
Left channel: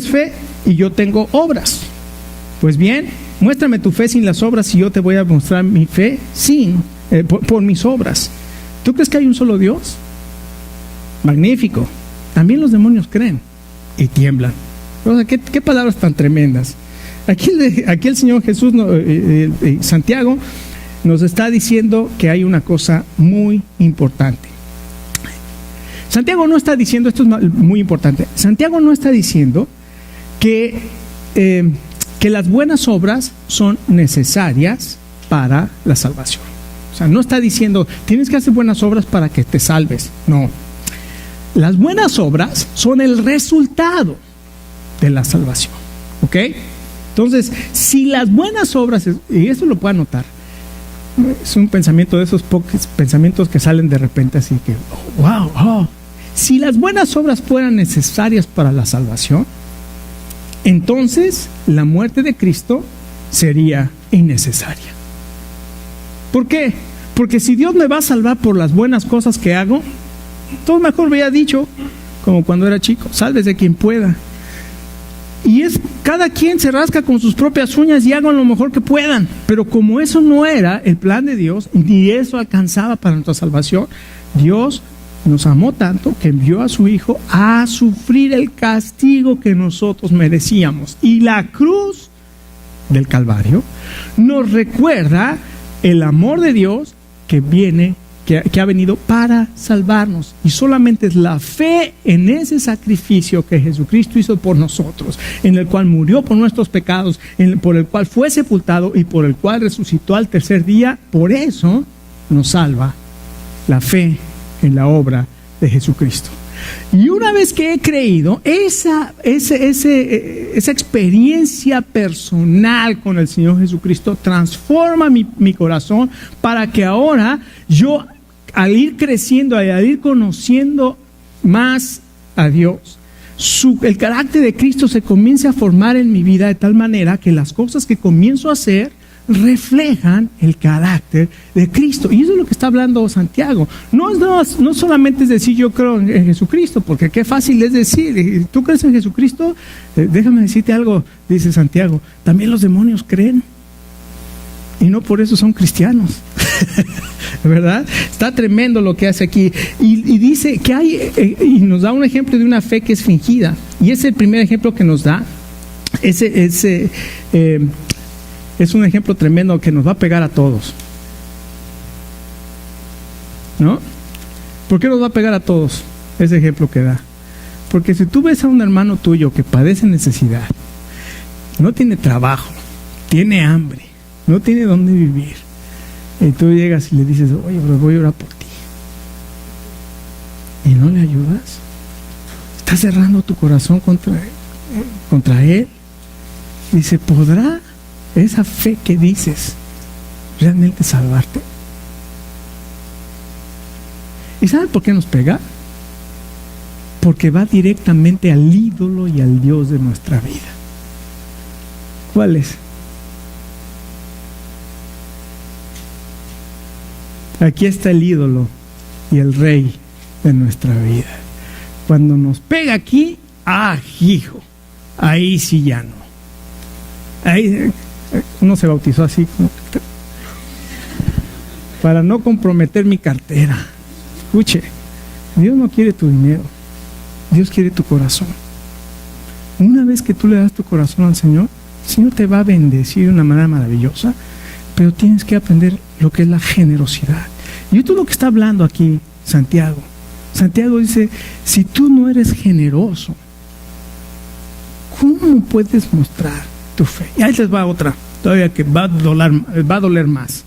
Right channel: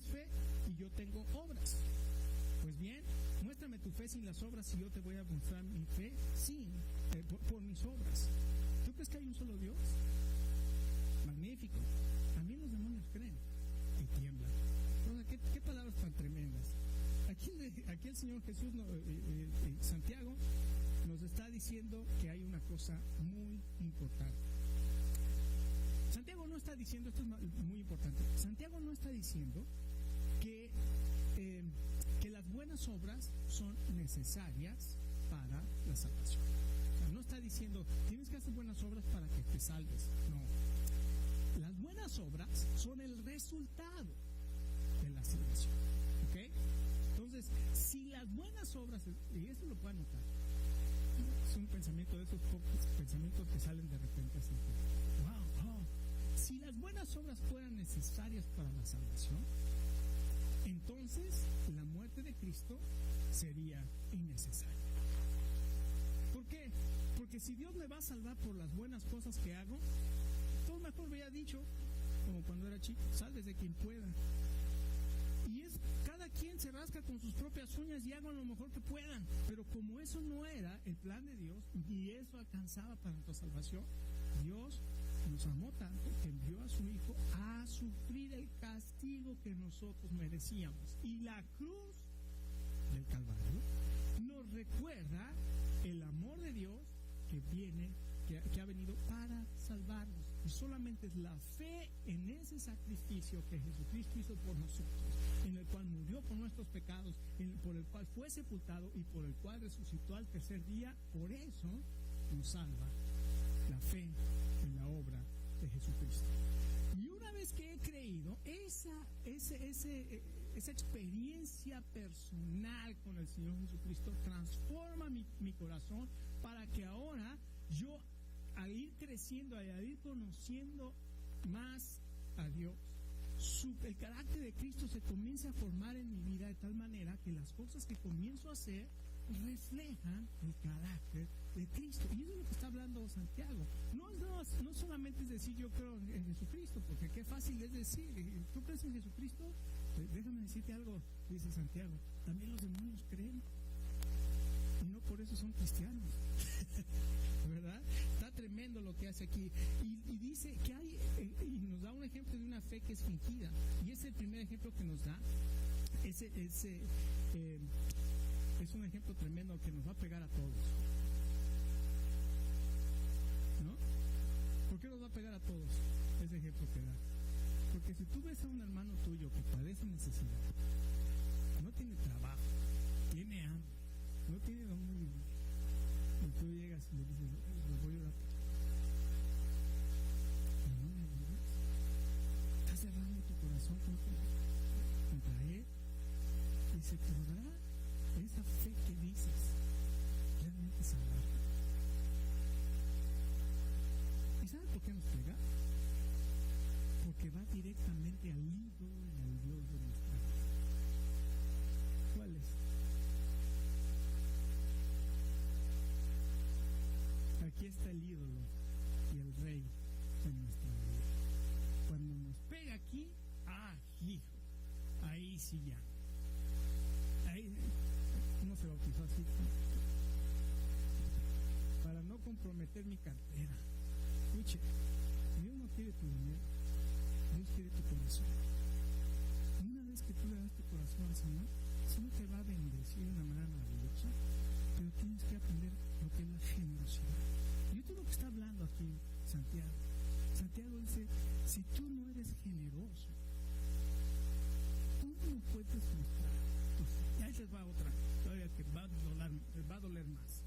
fe y yo tengo obras. Pues bien, muéstrame tu fe sin las obras y yo te voy a mostrar mi fe por mis obras. ¿Tú crees que hay un solo Dios? Magnífico. También los demonios creen y tiemblan. O sea, ¿qué palabras tan tremendas? Aquí el Señor Jesús, Santiago, nos está diciendo que hay una cosa muy importante. Santiago no está diciendo, esto es muy importante, Santiago no está diciendo que las buenas obras son necesarias para la salvación. O sea, no está diciendo, tienes que hacer buenas obras para que te salves. No. Las buenas obras son el resultado de la salvación. ¿Ok? Entonces, si las buenas obras, y esto lo puede anotar, es un pensamiento de esos pocos pensamientos que salen de repente así que, wow. Si las buenas obras fueran necesarias para la salvación, entonces la muerte de Cristo sería innecesaria. ¿Por qué? Porque si Dios me va a salvar por las buenas cosas que hago, todo mejor me había dicho, como cuando era chico: sálvese quien pueda. Y cada quien se rasca con sus propias uñas y hagan lo mejor que puedan. Pero como eso no era el plan de Dios, ni eso alcanzaba para nuestra salvación, Dios nos amó tanto que envió a su Hijo a sufrir el castigo que nosotros merecíamos. Y la cruz del Calvario nos recuerda el amor de Dios que ha venido para salvarnos. Y solamente es la fe en ese sacrificio que Jesucristo hizo por nosotros, en el cual murió por nuestros pecados, por el cual fue sepultado y por el cual resucitó al tercer día. Por eso nos salva la fe en la obra de Jesucristo. Y una vez que he creído, esa experiencia personal con el Señor Jesucristo transforma mi corazón para que ahora yo, al ir creciendo, al ir conociendo más a Dios, el carácter de Cristo se comienza a formar en mi vida de tal manera que las cosas que comienzo a hacer reflejan el carácter de Cristo. Y eso es lo que está hablando Santiago. No solamente es decir yo creo en Jesucristo, porque qué fácil es decir, ¿tú crees en Jesucristo? Déjame decirte algo, dice Santiago, también los demonios creen. Y no por eso son cristianos. ¿Verdad? Está tremendo lo que hace aquí. Y dice que hay, y nos da un ejemplo de una fe que es fingida. Y es el primer ejemplo que nos da. Es un ejemplo tremendo que nos va a pegar a todos. ¿No? ¿Por qué nos va a pegar a todos ese ejemplo que da? Porque si tú ves a un hermano tuyo que padece necesidad, no tiene trabajo, tiene hambre, no tiene dónde vivir, y tú llegas y le dices, oye, pero voy a orar por ti, y no le ayudas, estás cerrando tu corazón contra él. Dice, ¿podrá esa fe que dices realmente salvarte? ¿Y saben por qué nos pega? Porque va directamente al ídolo y al Dios de nuestra vida. ¿Cuál es? Aquí está el ídolo y el rey de nuestra vida. Cuando nos pega aquí, hijo, ahí sí ya no. Ahí uno se bautizó así para no comprometer mi cartera. Escuche, Dios no quiere tu dinero, Dios quiere tu corazón. Una vez que tú le das tu corazón al Señor, el Señor te va a bendecir de una manera maravillosa, pero tienes que aprender lo que es la generosidad. Y esto es lo que está hablando aquí Santiago. Santiago dice, si tú no eres generoso, ¿cómo puedes mostrar tu fe? Y ahí les va otra, todavía que va a doler más.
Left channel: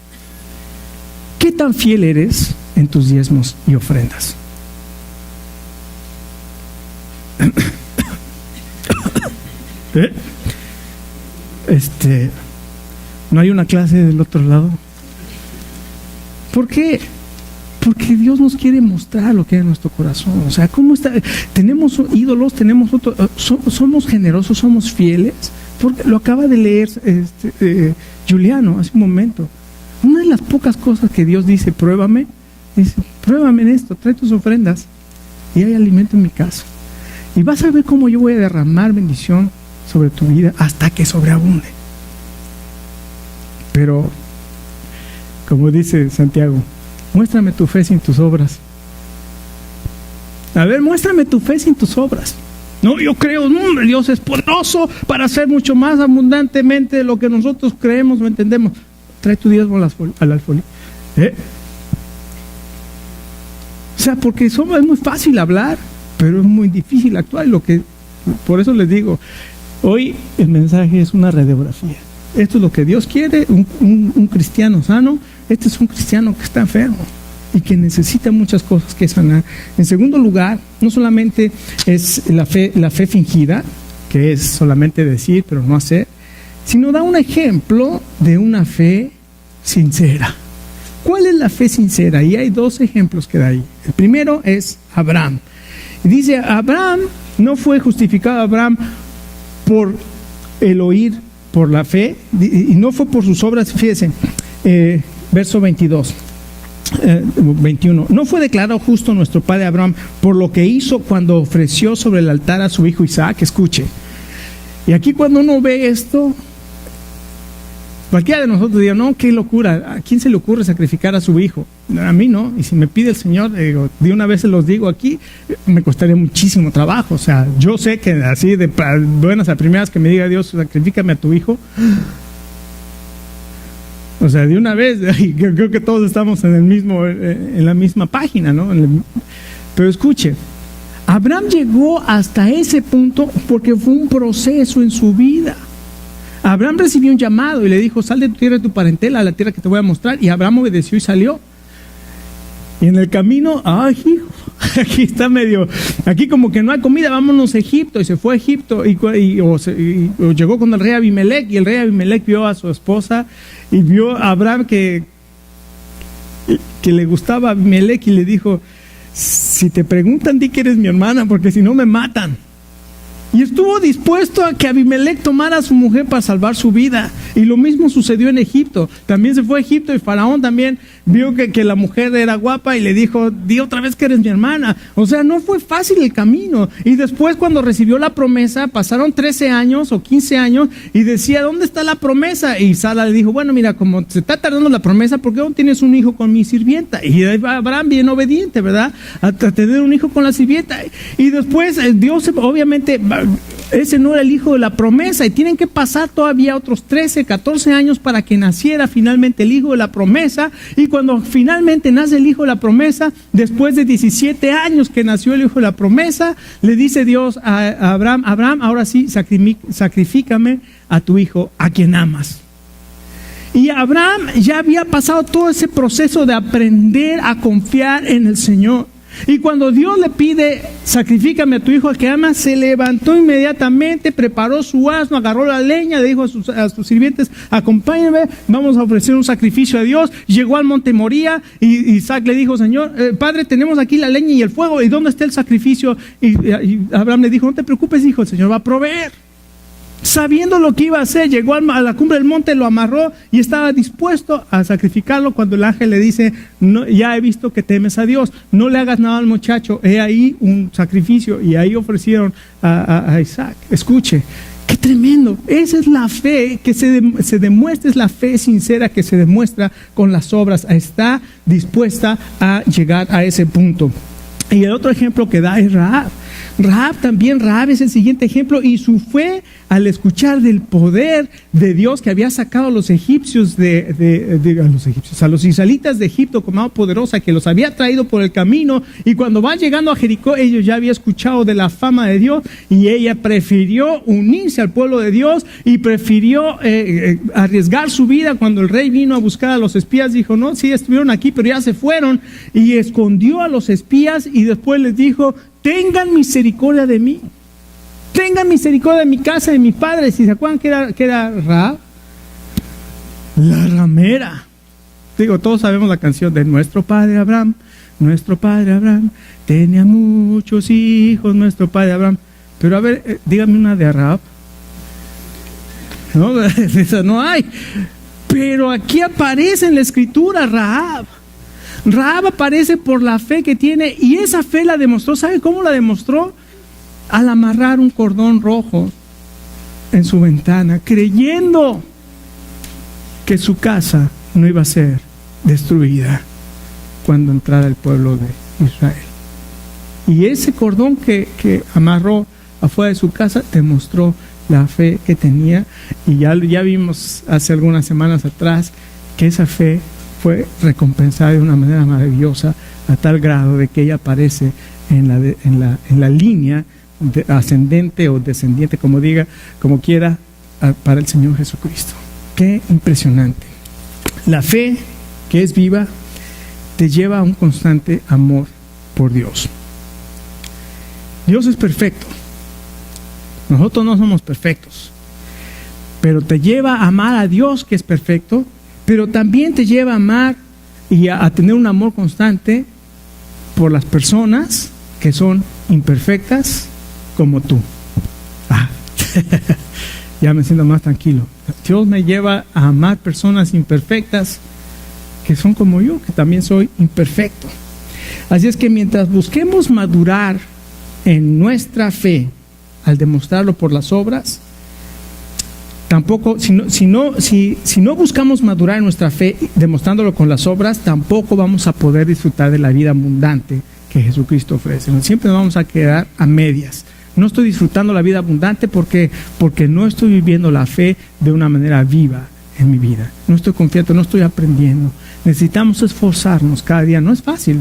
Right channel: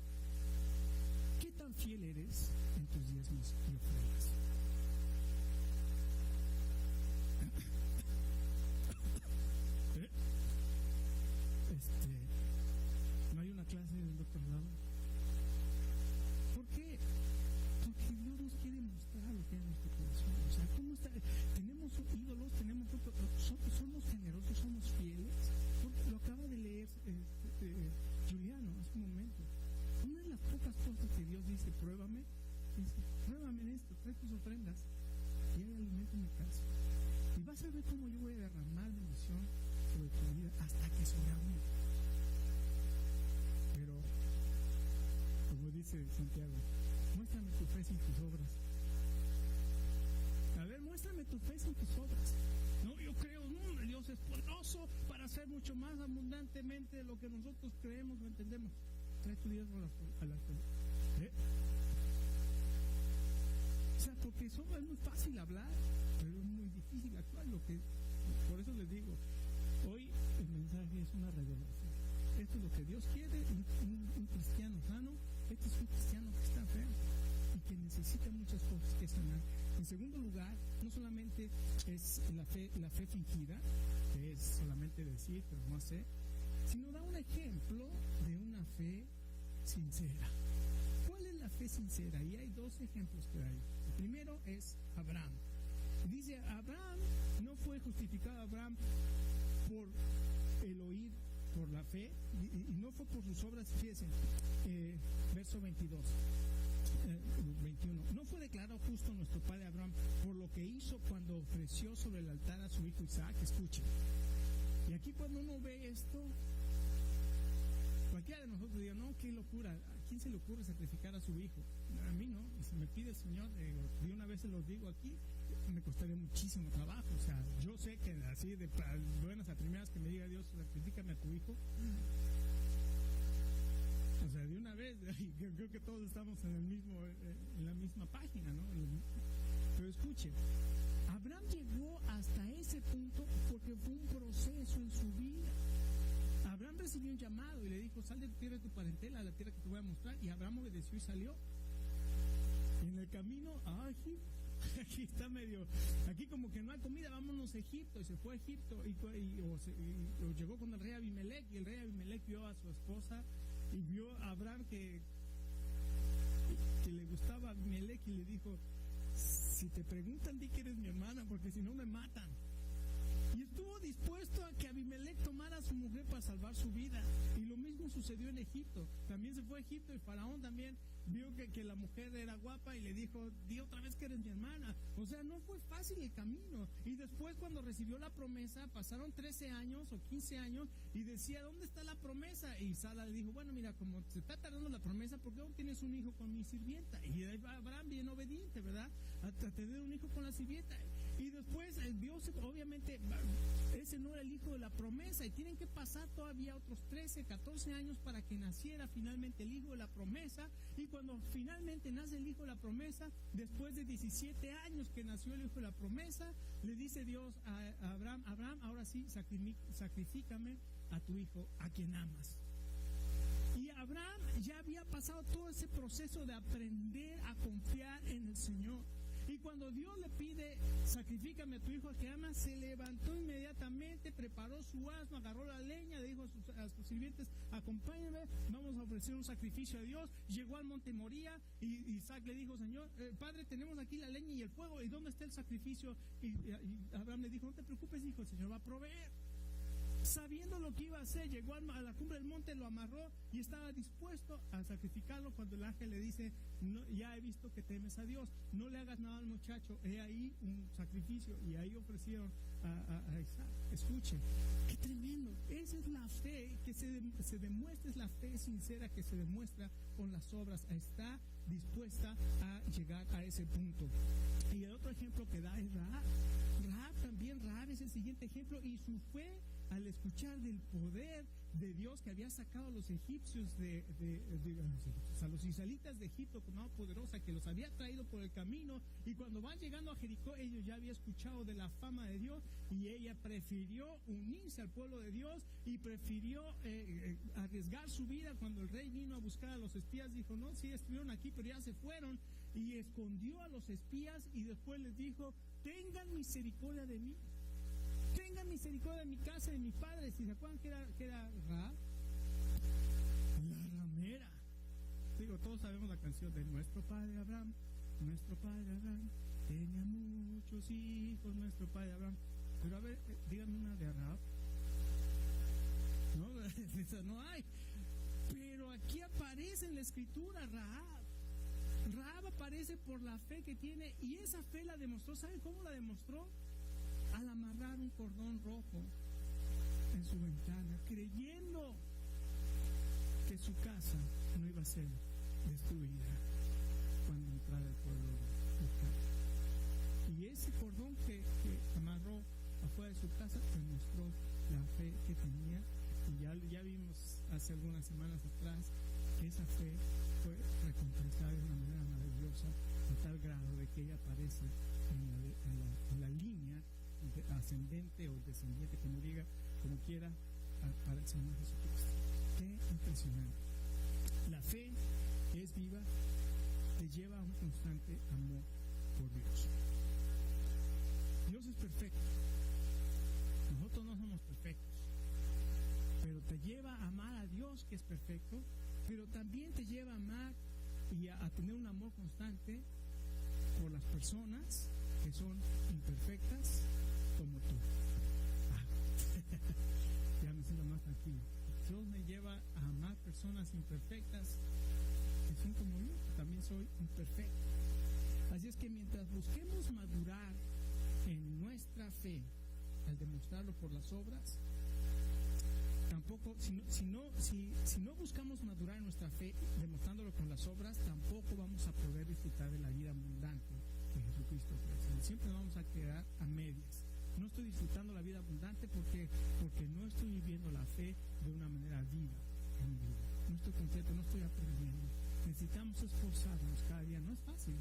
¿Qué tan fiel eres en tus diezmos y ofrendas? ¿No hay una clase del otro lado? ¿Por qué? Porque Dios nos quiere mostrar lo que hay en nuestro corazón. O sea, ¿cómo está? Tenemos ídolos, tenemos somos generosos, somos fieles. Porque lo acaba de leer Juliano hace un momento. Una de las pocas cosas que Dios dice, pruébame, dice, pruébame en esto, trae tus ofrendas y hay alimento en mi casa. Y vas a ver cómo yo voy a derramar bendición sobre tu vida hasta que sobreabunde. Pero, como dice Santiago, muéstrame tu fe sin tus obras. A ver, muéstrame tu fe sin tus obras. No, yo creo, no, Dios es poderoso para hacer mucho más abundantemente de lo que nosotros creemos o entendemos. Trae tu diezmo al alfolí. O sea, porque es muy fácil hablar, pero es muy difícil actuar. Por eso les digo, hoy el mensaje es una radiografía. Esto es lo que Dios quiere, un cristiano sano. Este es un cristiano que está enfermo y que necesita muchas cosas que sanar. En segundo lugar, no solamente es la fe fingida, que es solamente decir pero no hacer, sino da un ejemplo de una fe sincera. ¿Cuál es la fe sincera? Y hay dos ejemplos que da ahí. El primero es Abraham. Y dice, Abraham no fue justificado por el oír, por la fe, y no fue por sus obras. Fíjense, verso 21. No fue declarado justo nuestro padre Abraham por lo que hizo cuando ofreció sobre el altar a su hijo Isaac. Escuche. Y aquí cuando uno ve esto, cualquiera de nosotros diría, no, qué locura, ¿a quién se le ocurre sacrificar a su hijo? A mí no, y si me pide el Señor, de una vez se los digo aquí, me costaría muchísimo trabajo. O sea, yo sé que así de buenas a primeras que me diga Dios, sacrifícame a tu hijo. O sea, de una vez, creo que todos estamos en la misma página, ¿no? Pero escuche, Abraham llegó hasta ese punto porque fue un proceso en su vida. Abraham recibió un llamado y le dijo, sal de tu tierra y tu parentela a la tierra que te voy a mostrar. Y Abraham obedeció y salió. Y en el camino, hijo, aquí está aquí como que no hay comida, vámonos a Egipto. Y se fue a Egipto o llegó con el rey Abimelech. Y el rey Abimelech vio a su esposa y vio a Abraham que le gustaba a Abimelech y le dijo, si te preguntan, di que eres mi hermana, porque si no me matan. Y estuvo dispuesto a que Abimelech tomara a su mujer para salvar su vida. Y lo mismo sucedió en Egipto. También se fue a Egipto y Faraón también vio que la mujer era guapa y le dijo, di otra vez que eres mi hermana. O sea, no fue fácil el camino. Y después cuando recibió la promesa, pasaron 13 años o 15 años y decía, ¿dónde está la promesa? Y Sara le dijo, bueno, mira, como se está tardando la promesa, ¿por qué no tienes un hijo con mi sirvienta? Y Abraham bien obediente, ¿verdad? A tener un hijo con la sirvienta. Y después Dios, obviamente, ese no era el hijo de la promesa y tienen que pasar todavía otros 13, 14 años para que naciera finalmente el hijo de la promesa. Y cuando finalmente nace el hijo de la promesa, después de 17 años que nació el hijo de la promesa, le dice Dios a Abraham, Abraham, ahora sí, sacrifícame a tu hijo, a quien amas. Y Abraham ya había pasado todo ese proceso de aprender a confiar en el Señor. Y cuando Dios le pide, sacrifícame a tu hijo al que amas, se levantó inmediatamente, preparó su asno, agarró la leña, le dijo a sus sirvientes, acompáñenme, vamos a ofrecer un sacrificio a Dios. Llegó al monte Moría y Isaac le dijo, Señor, Padre, tenemos aquí la leña y el fuego, ¿y dónde está el sacrificio? Y Abraham le dijo, no te preocupes, hijo, el Señor va a proveer. Sabiendo lo que iba a hacer, llegó a la cumbre del monte, lo amarró y estaba dispuesto a sacrificarlo cuando el ángel le dice, no, ya he visto que temes a Dios, no le hagas nada al muchacho, he ahí un sacrificio. Y ahí ofrecieron a Isaac. Escuche, qué tremendo, esa es la fe que se demuestra, es la fe sincera que se demuestra con las obras, está dispuesta a llegar a ese punto. Y el otro ejemplo que da es Rahab. Rahab es el siguiente ejemplo, y su fe al escuchar del poder de Dios que había sacado a los egipcios a los israelitas de Egipto con mano poderosa, que los había traído por el camino, y cuando va llegando a Jericó, ellos ya habían escuchado de la fama de Dios, y ella prefirió unirse al pueblo de Dios y prefirió arriesgar su vida. Cuando el rey vino a buscar a los espías, dijo, no, sí estuvieron aquí, pero ya se fueron, y escondió a los espías y después les dijo, tengan misericordia de mí, tengan misericordia de mi casa, de mi padre. Si se acuerdan que era Rahab, la ramera. Digo, todos sabemos la canción de nuestro padre Abraham tenía muchos hijos, nuestro padre Abraham. Pero a ver, dígame una de Rahab. No, esa no hay. Pero aquí aparece en la escritura Rahab. Rahab aparece por la fe que tiene, y esa fe la demostró. ¿Sabe cómo la demostró? Al amarrar un cordón rojo en su ventana, creyendo que su casa no iba a ser destruida cuando entrara el pueblo de Israel. Y ese cordón que amarró afuera de su casa demostró la fe que tenía. Y ya vimos hace algunas semanas atrás que esa fe fue recompensada de una manera maravillosa, a tal grado de que ella aparece en la línea ascendente o descendiente, como quiera, para el Señor Jesucristo. Qué impresionante. La fe que es viva te lleva a un constante amor por Dios. Dios es perfecto. Nosotros no somos perfectos, pero te lleva a amar a Dios, que es perfecto, pero también te lleva a amar y a tener un amor constante por las personas que son imperfectas como tú. Ya me siento más tranquilo. Dios me lleva a amar personas imperfectas que son como yo, que también soy imperfecto. Así es que mientras busquemos madurar en nuestra fe al demostrarlo por las obras, tampoco, si no buscamos madurar en nuestra fe demostrándolo con las obras, tampoco vamos a poder disfrutar de la vida abundante que Jesucristo ofrece. Siempre nos vamos a quedar a medias. No estoy disfrutando la vida abundante porque no estoy viviendo la fe de una manera viva en mi vida. No estoy confiando, no estoy aprendiendo. Necesitamos esforzarnos cada día. No es fácil.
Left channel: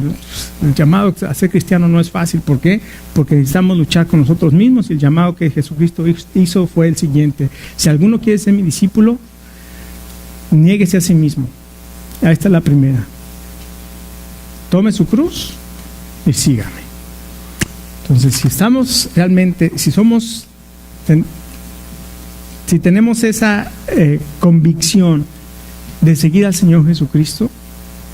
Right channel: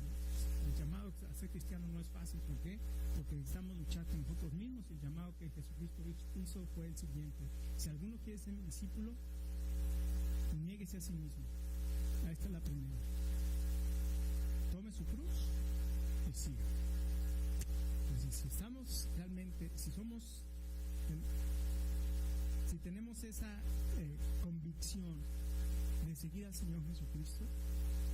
El llamado a ser cristiano no es fácil. ¿Por qué? Porque necesitamos luchar con nosotros mismos, y el llamado que Jesucristo hizo fue el siguiente: si alguno quiere ser mi discípulo, niéguese a sí mismo. Ahí está la primera. Tome su cruz y sígame. Entonces, si estamos realmente, si tenemos esa convicción de seguir al Señor Jesucristo,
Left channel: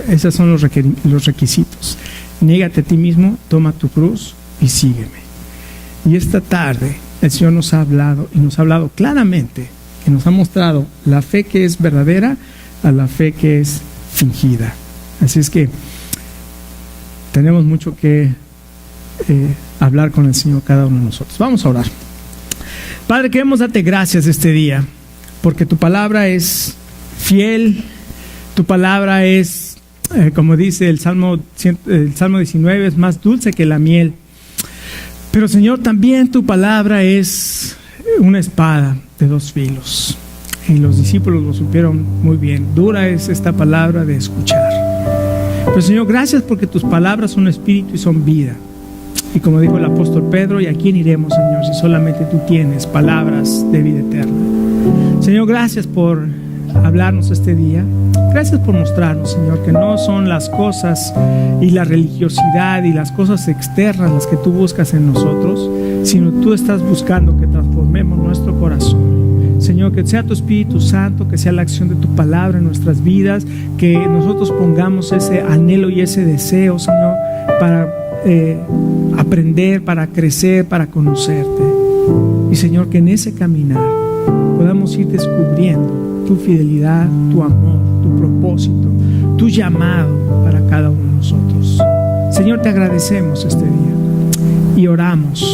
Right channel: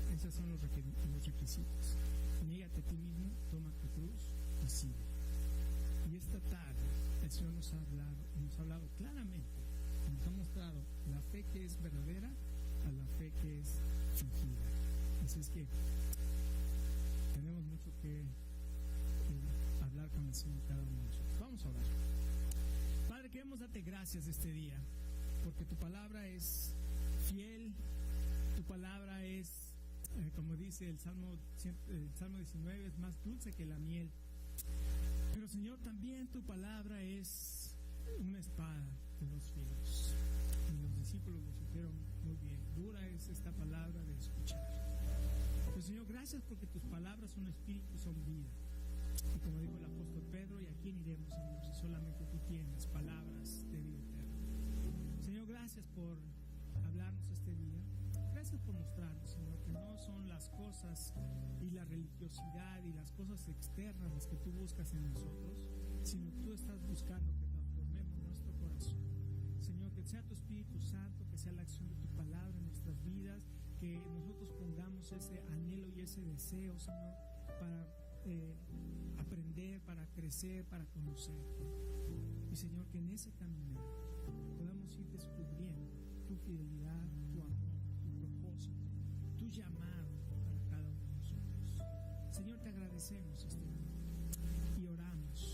esos son los requisitos. Niégate a ti mismo, toma tu cruz y sígueme. Y esta tarde el Señor nos ha hablado, y nos ha hablado claramente, y nos ha mostrado la fe que es verdadera a la fe que es fingida. Así es que tenemos mucho que hablar con el Señor cada uno de nosotros. Vamos a orar. Padre, queremos darte gracias este día, porque tu palabra es fiel, tu palabra es, como dice el Salmo 19, es más dulce que la miel. Pero Señor, también tu palabra es una espada de dos filos. Y los discípulos lo supieron muy bien. Dura es esta palabra de escuchar. Pero Señor, gracias porque tus palabras son espíritu y son vida. Y como dijo el apóstol Pedro, ¿y a quién iremos, Señor, si solamente tú tienes palabras de vida eterna? Señor, gracias por hablarnos este día. Gracias por mostrarnos, Señor, que no son las cosas y la religiosidad y las cosas externas las que tú buscas en nosotros, sino tú estás buscando que transformemos nuestro corazón. Señor, que sea tu Espíritu Santo, que sea la acción de tu palabra en nuestras vidas, que nosotros pongamos ese anhelo y ese deseo, Señor, para aprender, para crecer, para conocerte. Y Señor, que en ese caminar podamos ir descubriendo tu fidelidad, tu amor, tu propósito, tu llamado para cada uno de nosotros. Señor, te agradecemos este día y oramos